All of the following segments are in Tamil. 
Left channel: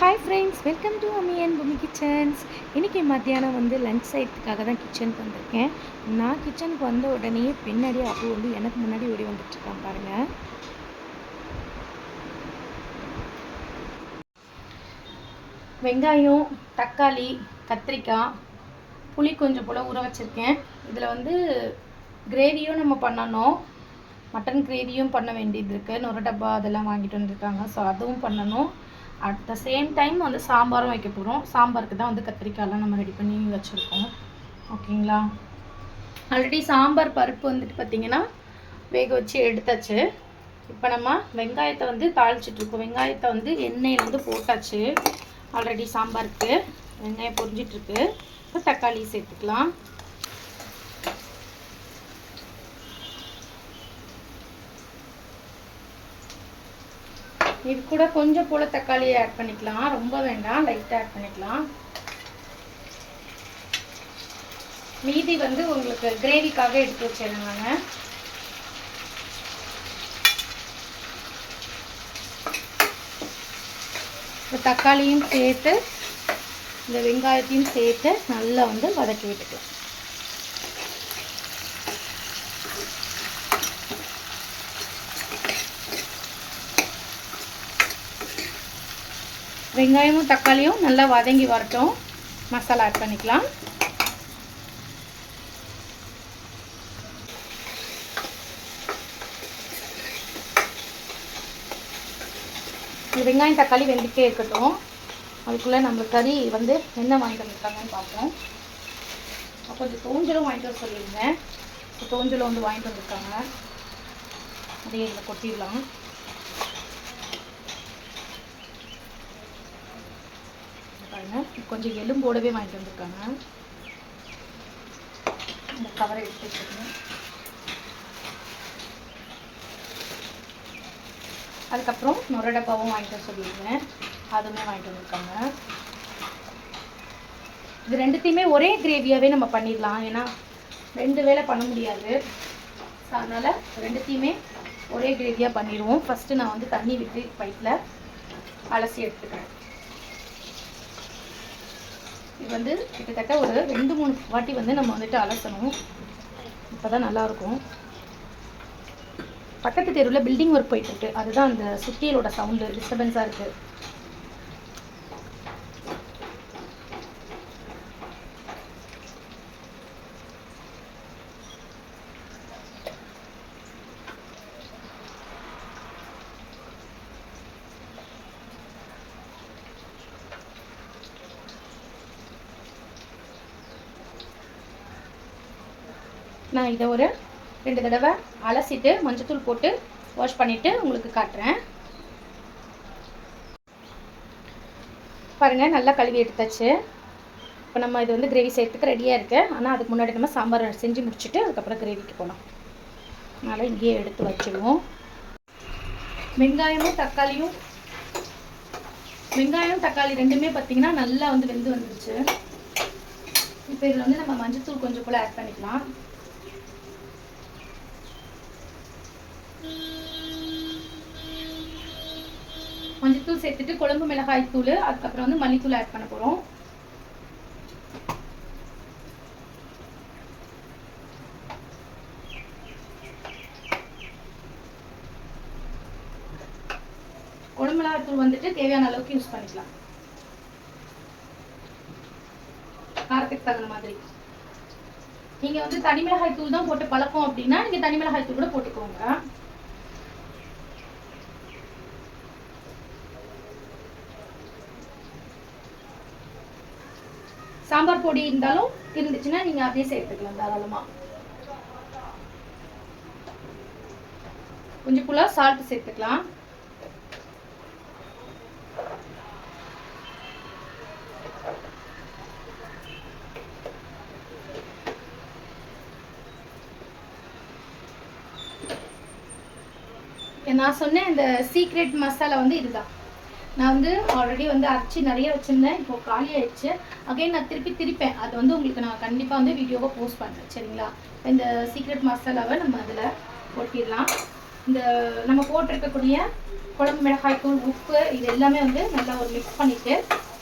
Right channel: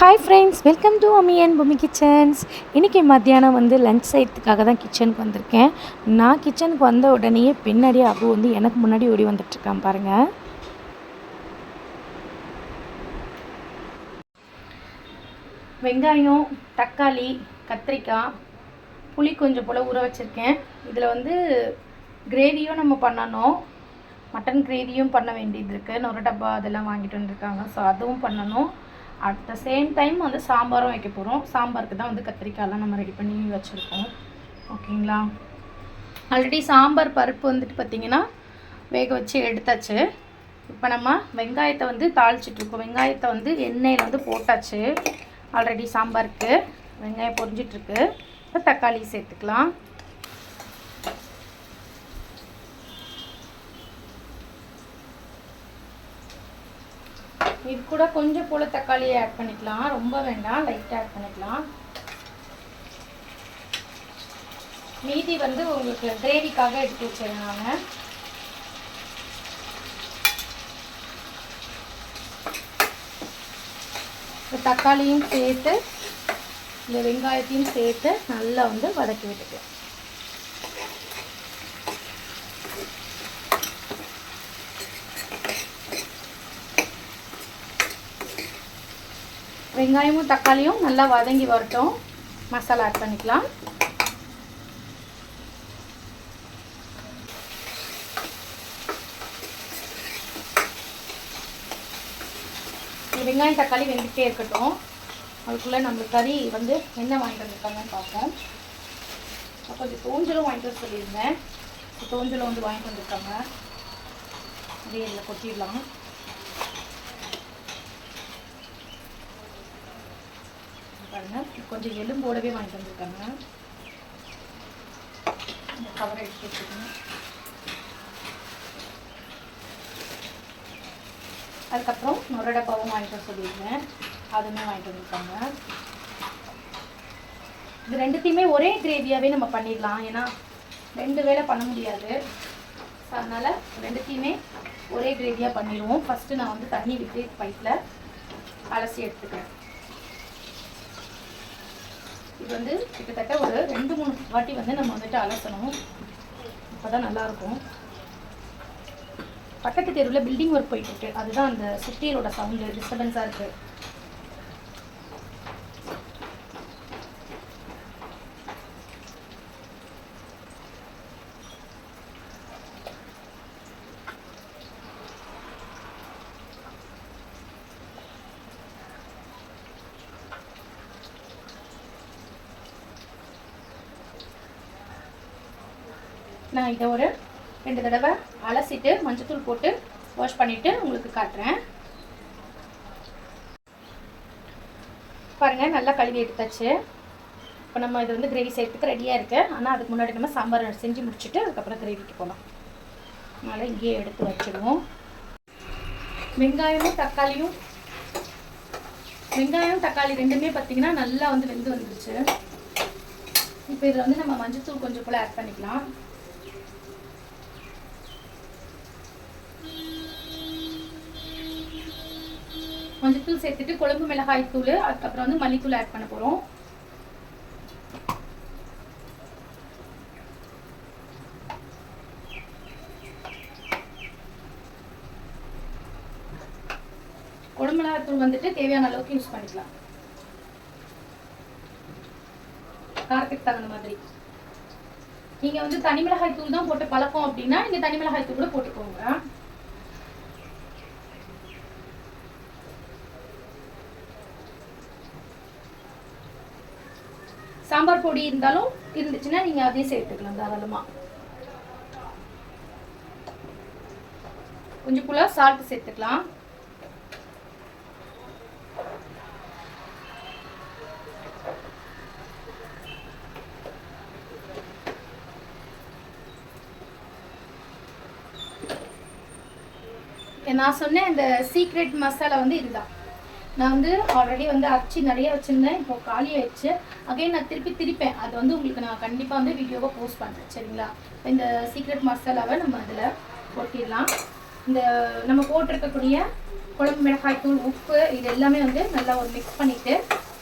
ஹாய் ஃப்ரெண்ட்ஸ், வெல்கம் டு அம்மி அண்ட் பூமி கிச்சன்ஸ். இன்றைக்கி மத்தியானம் லஞ்ச் செய்யறதுக்காக தான் கிச்சனுக்கு வந்திருக்கேன். நான் கிச்சனுக்கு வந்த உடனேயே பின்னாடியே அபு எனக்கு முன்னாடி ஓடி வந்துட்டுருக்கான் பாருங்கள். வெங்காயம், தக்காளி, கத்திரிக்காய், புளி கொஞ்சம் போல் ஊற வச்சுருக்கேன். இதில் கிரேவியும் நம்ம பண்ணணும், மட்டன் கிரேவியும் பண்ண வேண்டியது இருக்குது. நொறு டப்பா அதெல்லாம் வாங்கிட்டு வந்துருக்காங்க. ஸோ அதுவும் பண்ணணும். அட் த சேம் டைம் சாம்பாரும் வைக்க போகிறோம். சாம்பாருக்கு தான் கத்திரிக்காயெலாம் நம்ம ரெடி பண்ணி வச்சுருக்கோம். ஓகேங்களா? ஆல்ரெடி சாம்பார் பருப்பு பார்த்திங்கன்னா வேக வச்சு எடுத்தாச்சு. இப்போ நம்ம வெங்காயத்தை தாளிச்சிட்ருக்கோம். வெங்காயத்தை எண்ணெயில் போட்டாச்சு. ஆல்ரெடி சாம்பாருக்கு வெங்காயம் பொரிஞ்சிட்ருக்கு. இப்போ தக்காளி சேர்த்துக்கலாம். இது கூட கொஞ்சம் போல் தக்காளியை ஆட் பண்ணிக்கலாம். ரொம்ப வேண்டாம், லைட்டாக ஆட் பண்ணிக்கலாம். மீதி உங்களுக்கு கிரேவிக்காக எடுத்து வச்சிருந்தாங்க. இந்த தக்காளியும் சேர்த்து இந்த வெங்காயத்தையும் சேர்த்து நல்லா வதக்கி விட்டுக்கலாம். வெங்காயமும் தக்காளியும் நல்லா வதங்கி வரட்டும். மசாலா ஆட் பண்ணிக்கலாம். வெங்காயம் தக்காளி வெந்துட்டே இருக்கட்டும். அதுக்குள்ளே நம்ம கறி என்ன வாங்கிட்டு வந்துருக்காங்கன்னு பார்ப்போம். கொஞ்சம் தோஞ்சலும் வாங்கிட்டு வர சொல்லியிருந்தேன். தோஞ்சலும் வாங்கிட்டு வந்துருக்காங்க. அப்படியே இதில் கொட்டிடலாம். கொஞ்சம் எலும்போடவே வாங்கிட்டு வந்திருக்காங்க. இந்த கவரை எடுத்து வச்சுக்கணும். அதுக்கப்புறம் நொறு டப்பாவும் வாங்கிட்டு சொல்லியிருந்தேன். அதுவுமே வாங்கிட்டு வந்திருக்காங்க. இது ரெண்டுத்தையுமே ஒரே கிரேவியாகவே நம்ம பண்ணிடலாம். ஏன்னா 2 வேளை பண்ண முடியாது. ஸோ அதனால் ரெண்டுத்தையுமே ஒரே கிரேவியாக பண்ணிடுவோம். ஃபஸ்ட்டு நான் தண்ணி விட்டு பைப்பில் அலசி எடுத்துக்கிறேன். இது கிட்டத்தட்ட ஒரு 2-3 வாட்டி நம்ம அலசணும். இப்போ தான் நல்லாயிருக்கும். பக்கத்து தெருவில் பில்டிங் ஒர்க் போயிட்டு அதுதான் அந்த சுத்தியலோட சவுண்டு டிஸ்டர்பன்ஸாக இருக்குது. நான் இதை ஒரு 2 தடவை அலசிட்டு மஞ்சத்தூள் போட்டு வாஷ் பண்ணிவிட்டு உங்களுக்கு காட்டுறேன். பாருங்கள், நல்லா கழுவி எடுத்தாச்சு. இப்போ நம்ம இது கிரேவி செய்யறதுக்கு ரெடியாக இருக்குது. ஆனால் அதுக்கு முன்னாடி நம்ம சாம்பார் செஞ்சு முடிச்சுட்டு அதுக்கப்புறம் கிரேவிக்கு போகலாம். அதனால் இங்கேயே எடுத்து வச்சுடுவோம். வெங்காயம் தக்காளி ரெண்டுமே பார்த்திங்கன்னா நல்லா வெந்து வந்துருச்சு. இப்போ இதில் நம்ம மஞ்சத்தூள் கொஞ்சம் கூட ஆட் பண்ணிக்கலாம். மஞ்சத்தூள் சேர்த்துட்டு குழம்பு மிளகாய் தூள், அதுக்கப்புறம் மல்லித்தூள் ஆட் பண்ண போகிறோம். குழம்பு மிளகாய் தூள் தேவையான அளவுக்கு யூஸ் பண்ணிக்கலாம். காரத்துக்கு தகுந்த மாதிரி. நீங்கள் தனி மிளகாய் தூள் தான் போட்டு பழக்கம் அப்படின்னா நீங்கள் தனி மிளகாய் தூள் கூட போட்டுக்கோங்க. சாம்பார் பொடி இருந்துச்சுன்னா நீங்கள் அதே சேர்த்துக்கலாம் தாராளமாக. கொஞ்சம் போல சால்ட் சேர்த்துக்கலாம். நான் சொன்னேன் இந்த சீக்ரெட் மசாலா இதுதான். நான் ஆல்ரெடி அரைச்சி நிறைய வச்சுருந்தேன். இப்போது காலி ஆயிடுச்சு. அகைன் நான் திருப்பேன். அது உங்களுக்கு நான் கண்டிப்பாக வீடியோவை போஸ்ட் பண்ணுறேன். சரிங்களா? இந்த சீக்ரெட் மசாலாவை நம்ம அதில் கொட்டிடலாம். இந்த நம்ம போட்டிருக்கக்கூடிய குழம்பு மிளகாய் தூள், உப்பு இது எல்லாமே வந்து நல்லா ஒரு மிக்ஸ் பண்ணிவிட்டு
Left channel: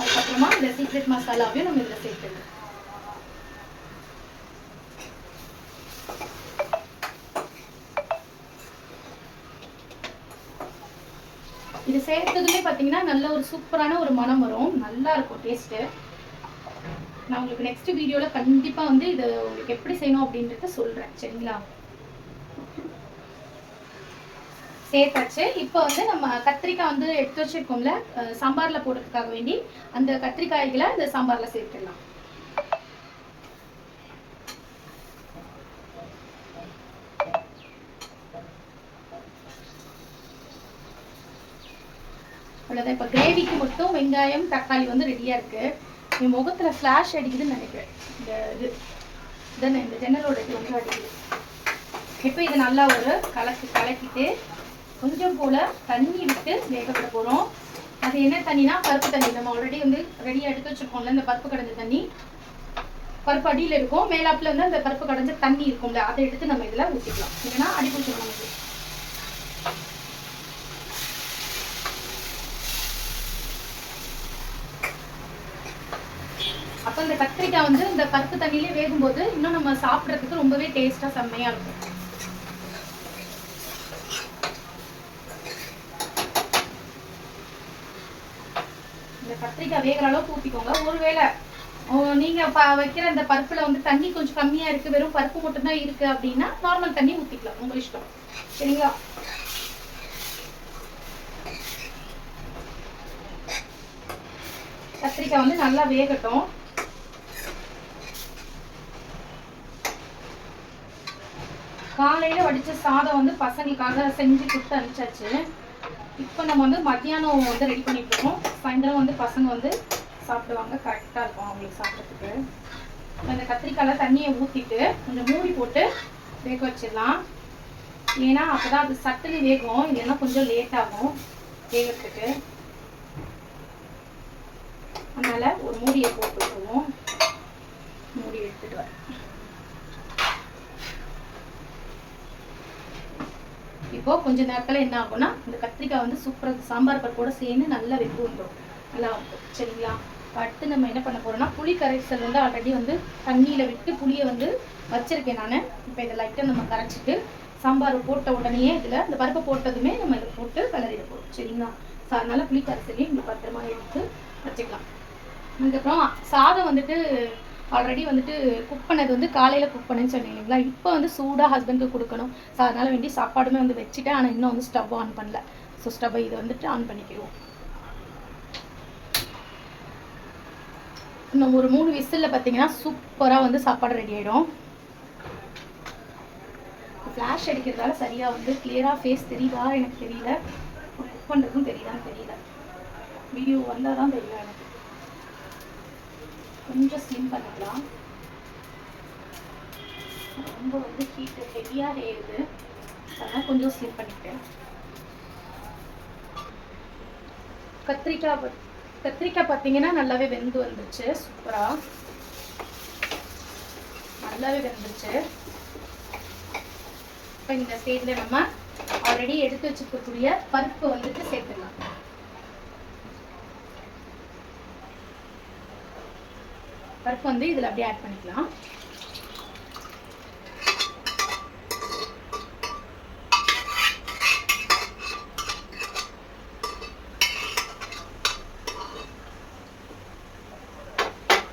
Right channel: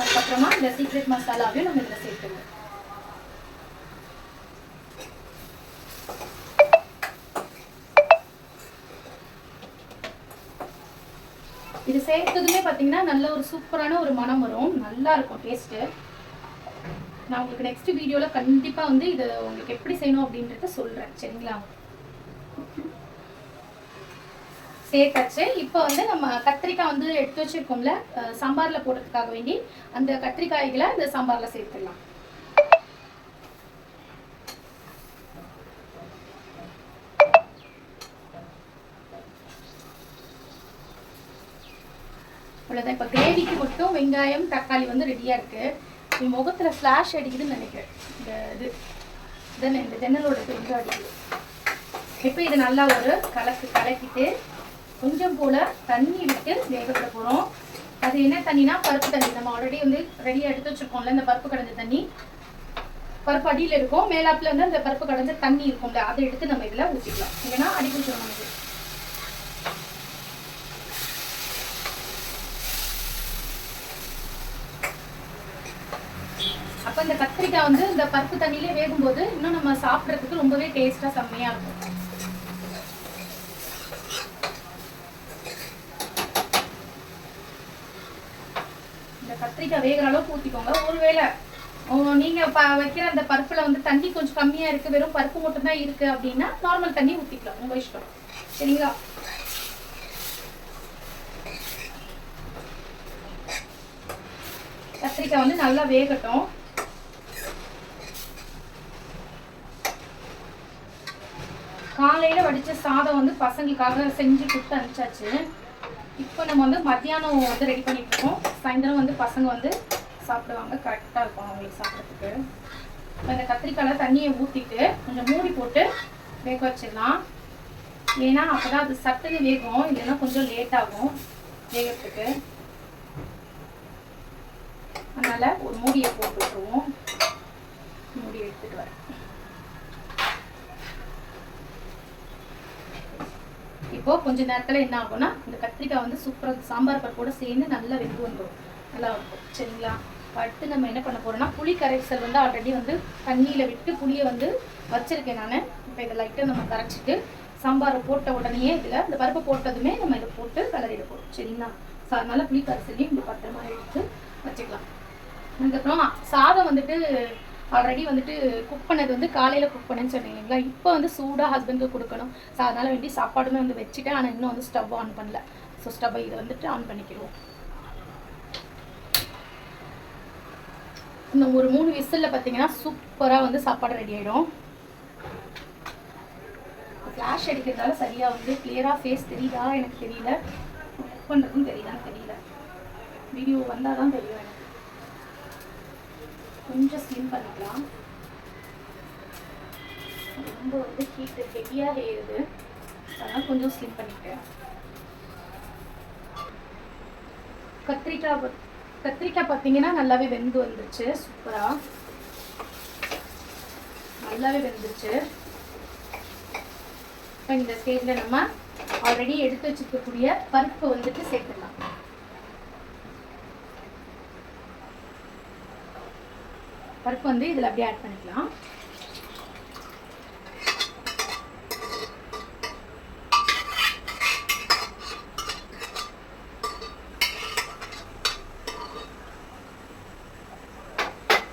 அதுக்கப்புறமா இந்த சீக்ரெட் மசாலாவையும் நம்ம இதில் சேர்த்துருவோம். இது சேர்த்ததுமே பார்த்தீங்கன்னா நல்ல ஒரு சூப்பரான ஒரு மனம் வரும், நல்லா இருக்கும் டேஸ்ட்டு. நான் உங்களுக்கு நெக்ஸ்ட் வீடியோவில் கண்டிப்பாக வந்து இது உங்களுக்கு எப்படி செய்யணும் அப்படின்றத சொல்கிறேன், சரிங்களா? சேர்த்தாச்சு. இப்போ வந்து நம்ம கத்திரிக்காய் வந்து எடுத்து வச்சிருக்கோம்ல சாம்பாரில் போடுறதுக்காக வேண்டி, அந்த கத்திரிக்காய்களை இந்த சாம்பாரில் சேர்த்துடலாம். அவ்வளோதான். இப்போ கிரேவிக்கு மட்டும் வெங்காயம் தக்காளி வந்து ரெடியாக இருக்குது. என் முகத்தில் ஃப்ளாஷ் அடிக்குதுன்னு நினைக்கிறேன். இந்த ஜன்னலோட இது வந்து அடிக்குது. இப்போ இது நல்லா ஒரு கலக்கிட்டு கொஞ்சம் போல் தண்ணி விட்டு வேக விட போகிறோம். அது என்ன தண்ணினா பருப்பு தண்ணி. நம்ம ஆல்ரெடி வந்து ரெடியாக எடுத்து வச்சுருக்கோம்ல, இந்த பருப்பு கடைஞ்ச தண்ணி. பருப்பு அடியில் இருக்கும், மேலாப்பில் வந்து அந்த பருப்பு கடைஞ்ச தண்ணி இருக்கும்ல, அதை எடுத்து நம்ம இதில் ஊற்றிக்கலாம். இல்லைன்னா அடி பிடிச்சிடும் நமக்கு. அப்போ இந்த கத்திரிக்காய் வந்து இந்த பருப்பு தண்ணியிலே வேகும்போது இன்னும் நம்ம சாப்பிட்றதுக்கு ரொம்பவே டேஸ்ட்டாக செம்மையாக இருக்கும். இந்த கத்திரிக்காய் வேகிற அளவுக்கு ஊற்றிக்கோங்க. ஒருவேளை நீங்கள் வைக்கிற அந்த பருப்பில் வந்து தண்ணி கொஞ்சம் கம்மியாக இருக்குது, வெறும் பருப்பு மட்டும்தான் இருக்குது அப்படின்னா நார்மல் தண்ணி ஊற்றிக்கலாம், உங்கள் இஷ்டம், சரிங்களா? கத்திரிக்காய் வந்து நல்லா வேகட்டும். காலையில் வடித்த சாதம் வந்து பசங்களுக்காக செஞ்சு கொடுத்து அனுப்பிச்சாச்சு. இப்போ நம்ம வந்து மத்தியானம் வந்து ரெடி பண்ணிட்டு இருக்கோம். சாயந்தரம் வந்து பசங்க வந்து சாப்பிடுவாங்க, கரெக்டாக இருக்கும் அவங்களுக்கு சாப்பிட்றதுக்கு. இந்த கத்திரிக்காயில் தண்ணியை ஊற்றிட்டு கொஞ்சம் மூடி போட்டு வேக வச்சிடலாம். ஏன்னா அப்போ தான் அது சட்டுன்னு வேகும், இல்லைன்னா கொஞ்சம் லேட் ஆகும் வேகிறதுக்கு. அதனால் ஒரு மூடியை போட்டு விட்டுருவோம். மூடி எடுத்துட்டு வரேன். இப்போ கொஞ்ச நேரத்தில் என்ன ஆகும்னா இந்த கத்திரிக்காய் வந்து சூப்பராக சாம்பார் பருப்போட சேர்ந்து நல்லா வெந்து வந்துடும், நல்லா இருக்கும், சரிங்களா? அடுத்து நம்ம என்ன பண்ண போகிறோம்னா புளி கரைசல் வந்து ஆல்ரெடி வந்து தண்ணியில் விட்டு புளியை வந்து வச்சுருக்கேன் நான். இப்போ இதை லைட்டாக நம்ம கரைச்சிட்டு சாம்பார் போட்ட உடனே இதில் இந்த பருப்பை போட்டதுமே நம்ம இதை போட்டு கலரிட போகிறோம், சரிங்களா? அதனால் புளி கரைசலையும் இந்த பத்திரமா எடுத்து வச்சுக்கலாம். அதுக்கப்புறம் சாதம் வந்துட்டு ஆல்ரெடி வந்துட்டு குக் பண்ணது வந்து காலையில் குக் பண்ணேன்னு சொன்னேன் இல்லைங்களா? இப்போ வந்து சூடாக ஹஸ்பண்டுக்கு கொடுக்கணும். ஸோ அதனால் வேண்டி சாப்பாடுமே வந்து வச்சுட்டேன். ஆனால் இன்னும் வந்து ஸ்டவ் ஆன் பண்ணல. ஸோ ஸ்டவ்வை இதை வந்துட்டு ஆன் பண்ணிக்கிடுவோம். இன்னும் ஒரு 3 விசிலில் பார்த்தீங்கன்னா சூப்பராக வந்து சாப்பாடு ரெடி ஆகிடும். ஃப்ளாஷ் அடிக்கிறதால சரியாக வந்து கிளியராக ஃபேஸ் தெரியுதா எனக்கு தெரியல, குக் பண்ணுறதும் தெரியுதான்னு தெரியல. வீடியோ வந்தால் தான் தெரியும் எனக்கு. கொஞ்சம் ஸ்லிம் பண்ணிக்கலாம். ரொம்ப வந்து ஹீட்டு ஹெவியாக ஏறுது, அதனால் கொஞ்சம் ஸ்லிம் பண்ணிட்டேன். கத்திரிக்காய் பார்த்தீங்கன்னா நல்லாவே வெந்து வந்துருச்சு, சூப்பராக நல்லாவே வெந்துருச்சு. இப்போ இந்த ஸ்டேஜில் நம்ம ஆல்ரெடி எடுத்து வச்சுக்கக்கூடிய பருப்பு வந்துட்டு சேர்த்துக்கலாம். பருப்பு வந்து இதில் அப்படியே ஆட் பண்ணிக்கலாம்.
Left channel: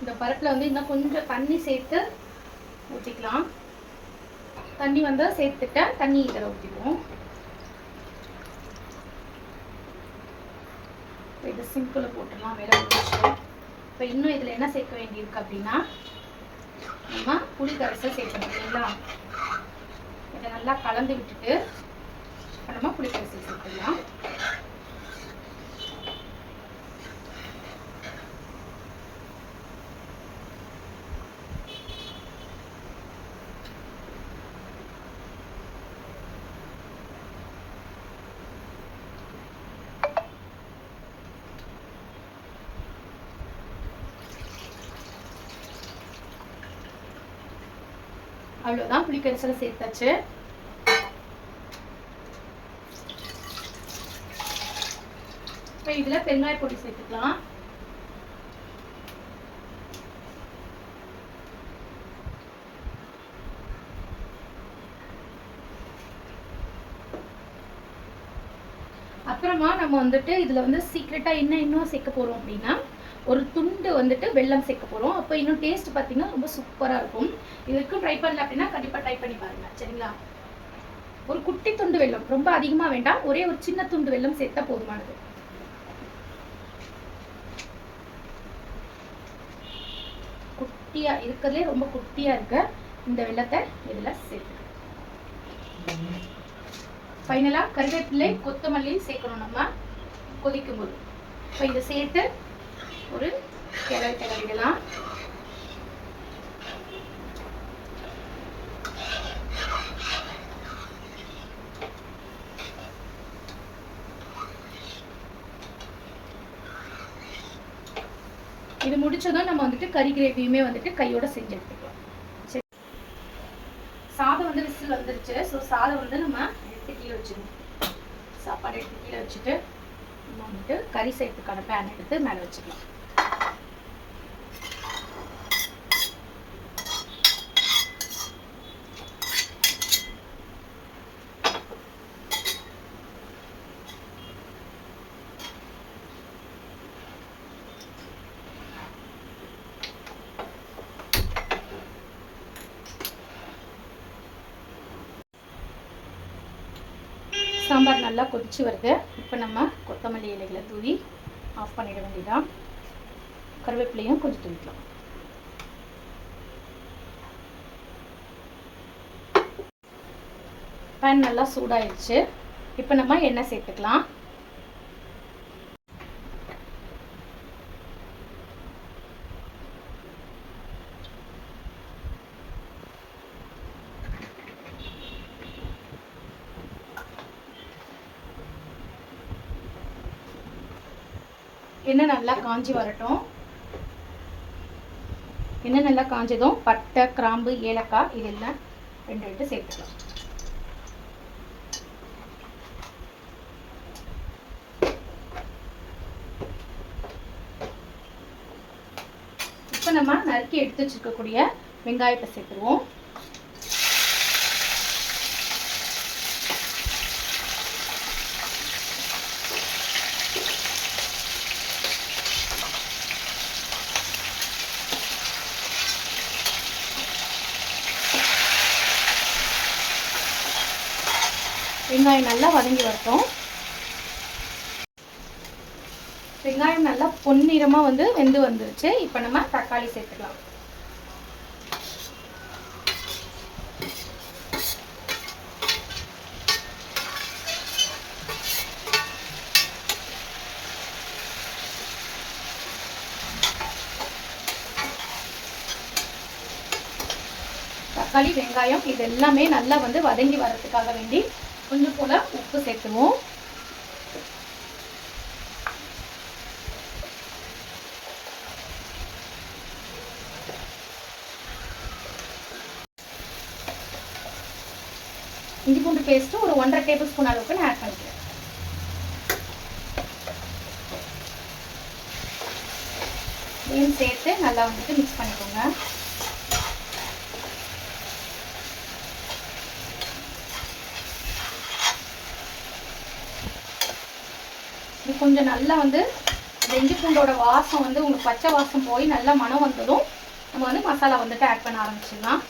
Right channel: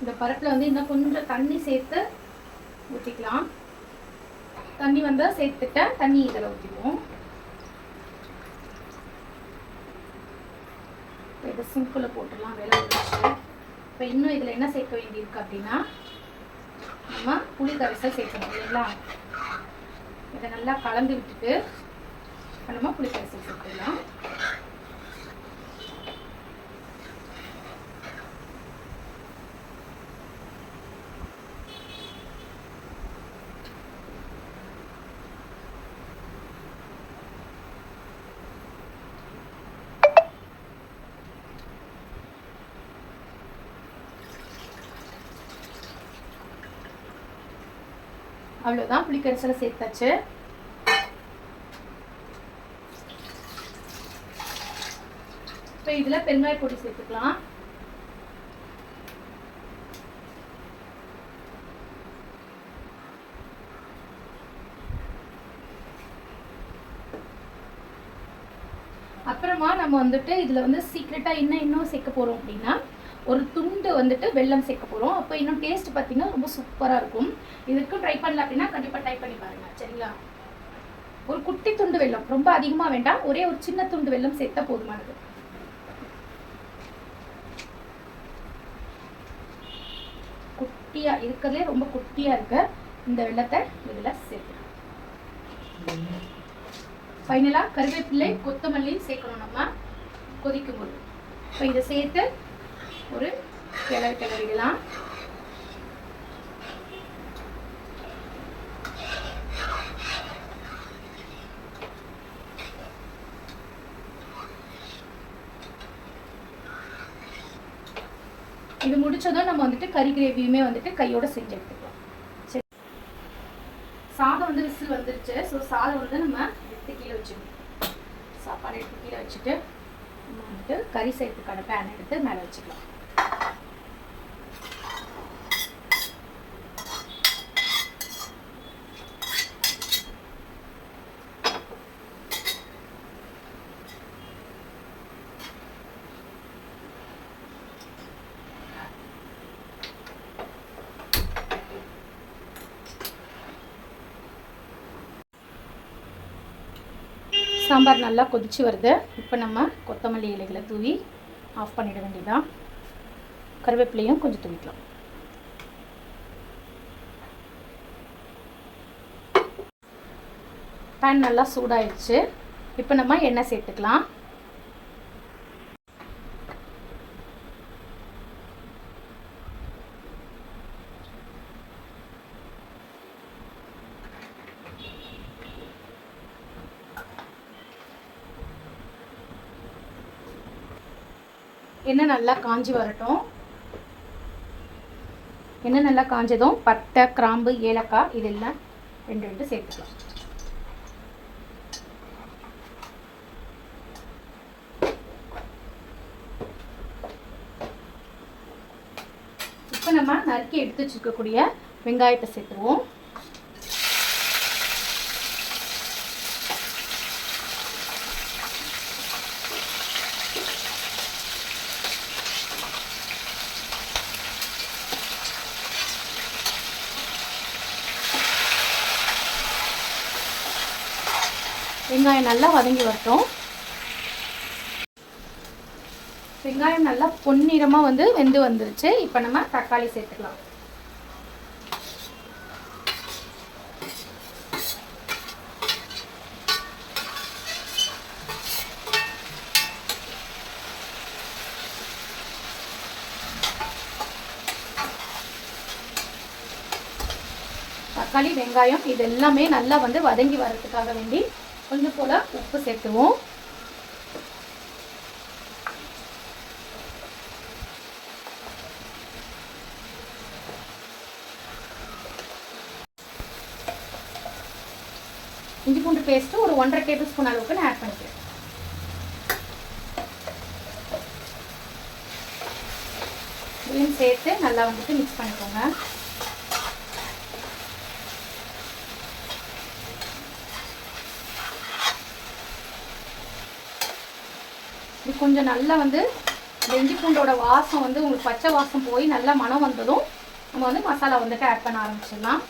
இந்த பருப்பில் வந்து இன்னும் கொஞ்சம் தண்ணி சேர்த்து ஊற்றிக்கலாம். தண்ணி வந்து சேர்த்துட்டேன், தண்ணி இதில் ஊற்றிடுவோம். இதை சிம்பிளில் போட்டுடலாம், வேலை முடிச்சு. இப்போ இன்னும் இதில் என்ன சேர்க்க வேண்டியிருக்கு அப்படின்னா நம்ம புளி கரைசல் சேர்க்கணும் இல்லைங்களா? இதை நல்லா கலந்து விட்டுட்டு நம்ம புளி கரைசல் சேர்த்துடலாம். அவ்வளோதான், புளிக்கரைசலை சேர்த்தாச்சு. இப்போ இதில் பெருங்காய பொடி சேர்த்துக்கலாம். அப்புறமா நம்ம வந்துட்டு இதில் வந்து சீக்ரெட்டாக இன்னும் சேர்க்க போகிறோம் அப்படின்னா ஒரு துண்டு வந்துட்டு வெல்லம் சேர்க்க போகிறோம். அப்போ இன்னும் டேஸ்ட் பார்த்தீங்கன்னா ரொம்ப சூப்பராக இருக்கும். இதுக்கும் ட்ரை பண்ணல அப்படின்னா கண்டிப்பாக ட்ரை பண்ணி பாருங்கள். சரிங்களா? ஒரு குட்டி துண்டு வெல்லம், ரொம்ப அதிகமாக வேண்டாம், ஒரே ஒரு சின்ன துண்டு வெல்லம் சேர்த்தா போதுமானது. குட்டியாக இருக்கிறதுலே ரொம்ப குட்டியாக இருக்க இந்த வெல்லத்தை இதில் சேர்த்துக்கலாம். ஃபைனலாக கருவேப்பிலை கொத்தமல்லி சேர்க்கணும் நம்ம கொதிக்கும் போது. இப்போ இதை சேர்த்து ஒரு கிளறிடலாம். இது முடிச்சதும் நம்ம வந்துட்டு கறி கிரேவியுமே வந்துட்டு கையோட செஞ்சு எடுத்துக்கலாம். சரி, சாதம் வந்து விசில் வந்துருச்சு. ஸோ சாதம் வந்து நம்ம எடுத்து கீழே வச்சுக்கணும். சாப்பாடு எடுத்து கீழே வச்சுட்டு நம்ம வந்துட்டு கறி செய்யறதுக்கான பேன் எடுத்து மேலே வச்சுக்கலாம். சாம்பார் நல்லா கொதிச்சு வருது. இப்போ நம்ம கொத்தமல்லி இலைகளை தூவி ஆஃப் பண்ணிட வேண்டியதான். கருவேப்பிலையும் கொஞ்சம் தூவிக்கலாம். பேன் நல்லா சூடாயிடுச்சு. இப்போ நம்ம எண்ணெய் சேர்த்துக்கலாம். எண்ணெய் நல்லா காஞ்சி வரட்டும். எண்ணெய் நல்லா காஞ்சதும் பட்டை, கிராம்பு, ஏலக்காய் இதெல்லாம் ரெண்டு சேர்த்துக்கலாம். இப்போ நம்ம நறுக்கி எடுத்து வச்சுருக்கக்கூடிய வெங்காயத்தை சேர்த்துருவோம். வெங்காயம் நல்லா வதங்கி வரட்டும். வெங்காயம் நல்லா பொன்னிறமாக வந்து வெந்து வந்துருச்சு. இப்போ நம்ம தக்காளி சேர்த்துக்கலாம். தக்காளி, வெங்காயம் இது எல்லாமே நல்லா வந்து வதங்கி வர்றதுக்காக வேண்டி கொஞ்சம் போல உப்பு சேர்த்துவோம். இஞ்சி பூண்டு பேஸ்ட் ஒரு 1.5 டேபிள் ஸ்பூன் அளவுக்கு நான் ஆட் பண்ணிக்கிறேன். இதையும் சேர்த்து நல்லா வந்துட்டு மிக்ஸ் பண்ணிக்கோங்க. இது கொஞ்சம் நல்லா வந்து இஞ்சி பூண்டோட வாசம் வந்து உங்களுக்கு பச்சை வாசம் போய் நல்லா மனம் வந்ததும் நம்ம வந்து மசாலா வந்துட்டு ஆட் பண்ண ஆரம்பிச்சிடலாம்.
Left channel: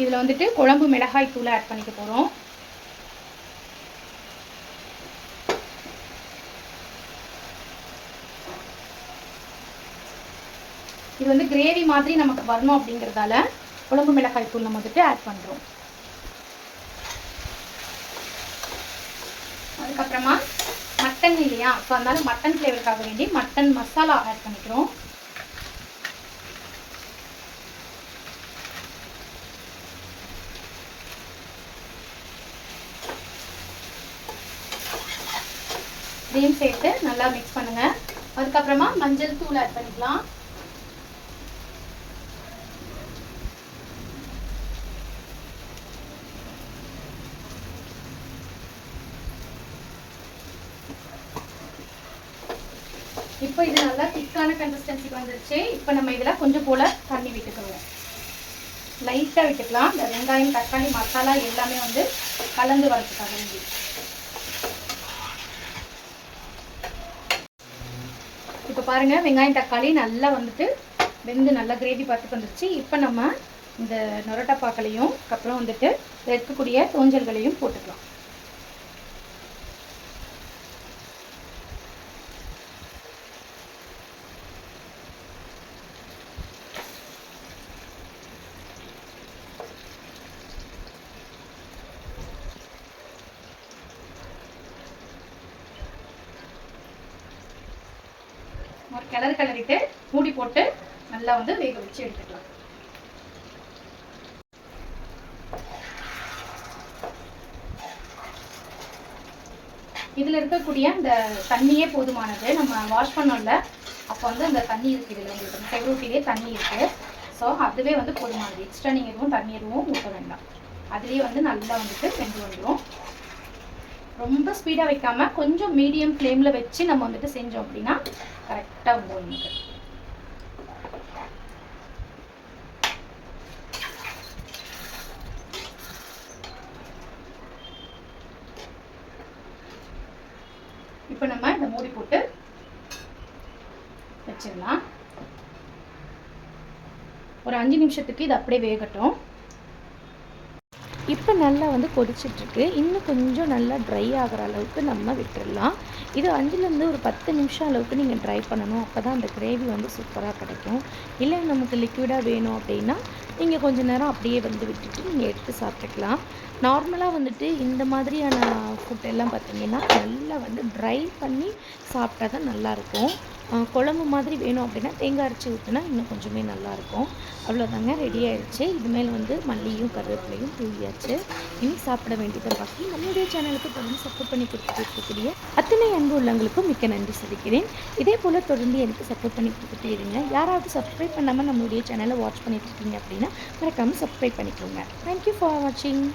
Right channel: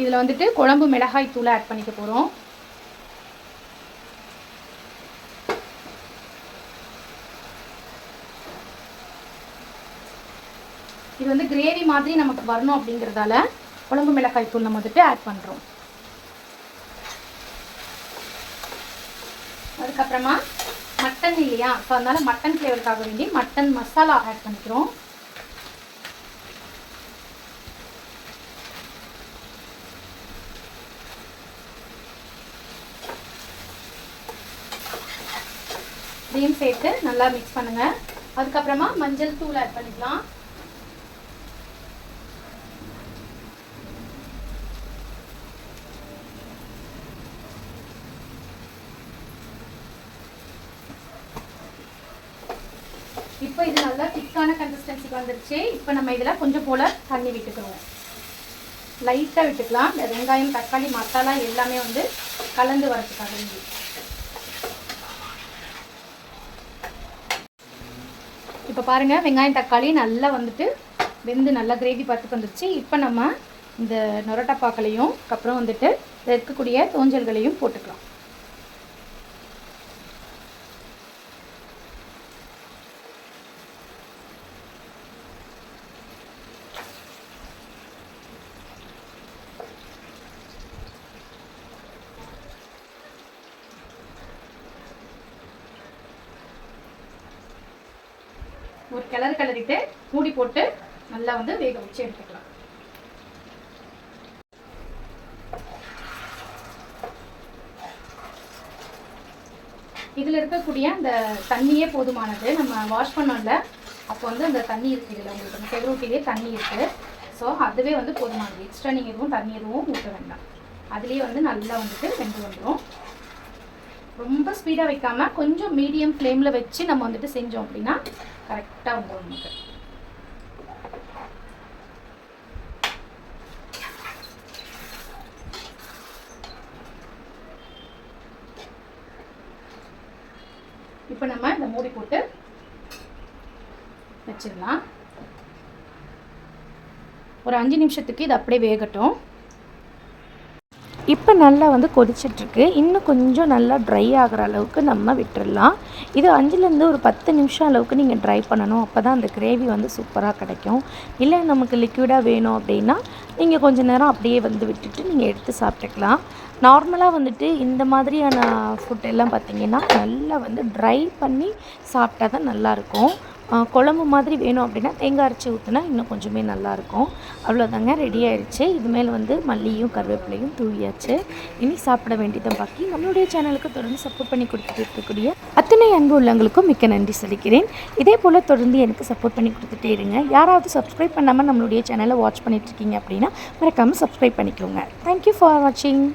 இதில் வந்துட்டு குழம்பு மிளகாய் தூளை ஆட் பண்ணிக்க போகிறோம். இது வந்து கிரேவி மாதிரி நமக்கு வரணும் அப்படிங்கிறதால குழம்பு மிளகாய் தூள் நம்ம வந்துட்டு ஆட் பண்ணுறோம். அதுக்கப்புறமா மட்டன் இல்லையா, ஸோ அதனால மட்டன் ஃப்ளேவருக்காக வேண்டி மட்டன் மசாலா ஆட் பண்ணிக்கிறோம். இதையும் சேர்த்து நல்லா மிக்ஸ் பண்ணுங்க. அதுக்கப்புறமா மஞ்சள் தூள் ஆட் பண்ணிக்கலாம். இப்போ இது நல்லா திக்கான கன்சிஸ்டன்சிக்கு வந்துருச்சு. இப்போ நம்ம இதில் கொஞ்சம் போல் தண்ணி விட்டுக்கோங்க. லைட்டாக விட்டுக்கலாம். இந்த வெங்காயம், தக்காளி, மசாலா எல்லாமே வந்து கலந்து வரதுக்காக வேண்டி. இப்போ பாருங்கள், வெங்காயம் தக்காளி நல்லா வந்துட்டு வெந்து நல்லா கிரேவி பார்த்துக்கு வந்துருச்சு. இப்போ நம்ம இந்த நொரட்டப்பாக்களையும் அப்புறம் வந்துட்டு இருக்கக்கூடிய தோஞ்சல்களையும் போட்டுக்கலாம். ஒரு கிளறிட்டு மூடி போட்டு நல்லா வந்து வேக வச்சு எடுத்துக்கலாம். இதில் இருக்கக்கூடிய அந்த தண்ணியே போதுமானது. நம்ம வாஷ் பண்ணோம்ல, அப்போ வந்து அந்த தண்ணி இருக்குது, இதில் உங்களுக்கு செவரூட்டிலே தண்ணி இருக்குது. ஸோ அதுவே வந்து போதுமானது. எக்ஸ்ட்ரா நீங்கள் எதுவும் தண்ணி எதுவும் ஊற்ற வேண்டாம். அதுலேயே வந்து நல்லா வந்துட்டு வெந்து வந்துடும். ரொம்ப ஸ்பீடாக வைக்காமல் கொஞ்சம் மீடியம் ஃப்ளேமில் வச்சு நம்ம வந்துட்டு செஞ்சோம் அப்படின்னா கரெக்டாக வந்துடும் நமக்கு. இப்போ நம்ம இந்த மூடி போட்டு வச்சிடலாம். ஒரு 5 நிமிஷத்துக்கு இது அப்படியே வேகட்டும். இப்போ நல்லா வந்து கொதிச்சிட்ருக்கு. இன்னும் கொஞ்சம் நல்லா ட்ரை ஆகிற அளவுக்கு நம்ம விட்டுடலாம். இது 5லேருந்து ஒரு 10 நிமிஷம் அளவுக்கு நீங்கள் ட்ரை பண்ணணும். அப்போ தான் அந்த கிரேவி வந்து சூப்பராக கிடைக்கும். இல்லை நமக்கு லிக்விடாக வேணும் அப்படின்னா நீங்கள் கொஞ்சம் நேரம் அப்படியே வந்து விட்டுட்டு நீங்கள் எடுத்து சாப்பிட்டுக்கலாம். நார்மலாக வந்துட்டு இந்த மாதிரியான ஃபுட் எல்லாம் பார்த்திங்கன்னா நல்லா வந்து ட்ரை பண்ணி சாப்பிட்டா தான் நல்லாயிருக்கும். குழம்பு மாதிரி வேணும் அப்படின்னா தேங்காய் அரைச்சி ஊற்றினா இன்னும் கொஞ்சமே நல்லாயிருக்கும். அவ்வளோதாங்க, ரெடி ஆயிடுச்சு. இது மேலே வந்து மல்லியும் கருவேப்பிலையும் தூவியாச்சு. இனி சாப்பிட வேண்டியதை பாக்கி. நம்மளுடைய சேனலுக்கு தொடர்ந்து சப்போர்ட் பண்ணி கொடுத்துட்டு இருக்கக்கூடிய அத்தனை அன்பு உள்ளவங்களுக்கும் மிக்க நன்றி சொல்லிக்கிறேன். இதே போல் தொடர்ந்து எனக்கு சப்போர்ட் பண்ணி கொடுத்துட்டே இருங்க. யாராவது சப்ஸ்கிரைப் பண்ணாமல் நம்மளுடைய சேனலை வாட்ச் பண்ணிட்டு இருக்கீங்க அப்படின்னா மறக்காமல் சப்ஸ்கிரைப் பண்ணிக்கோங்க. தேங்க்யூ ஃபார் வாட்சிங்.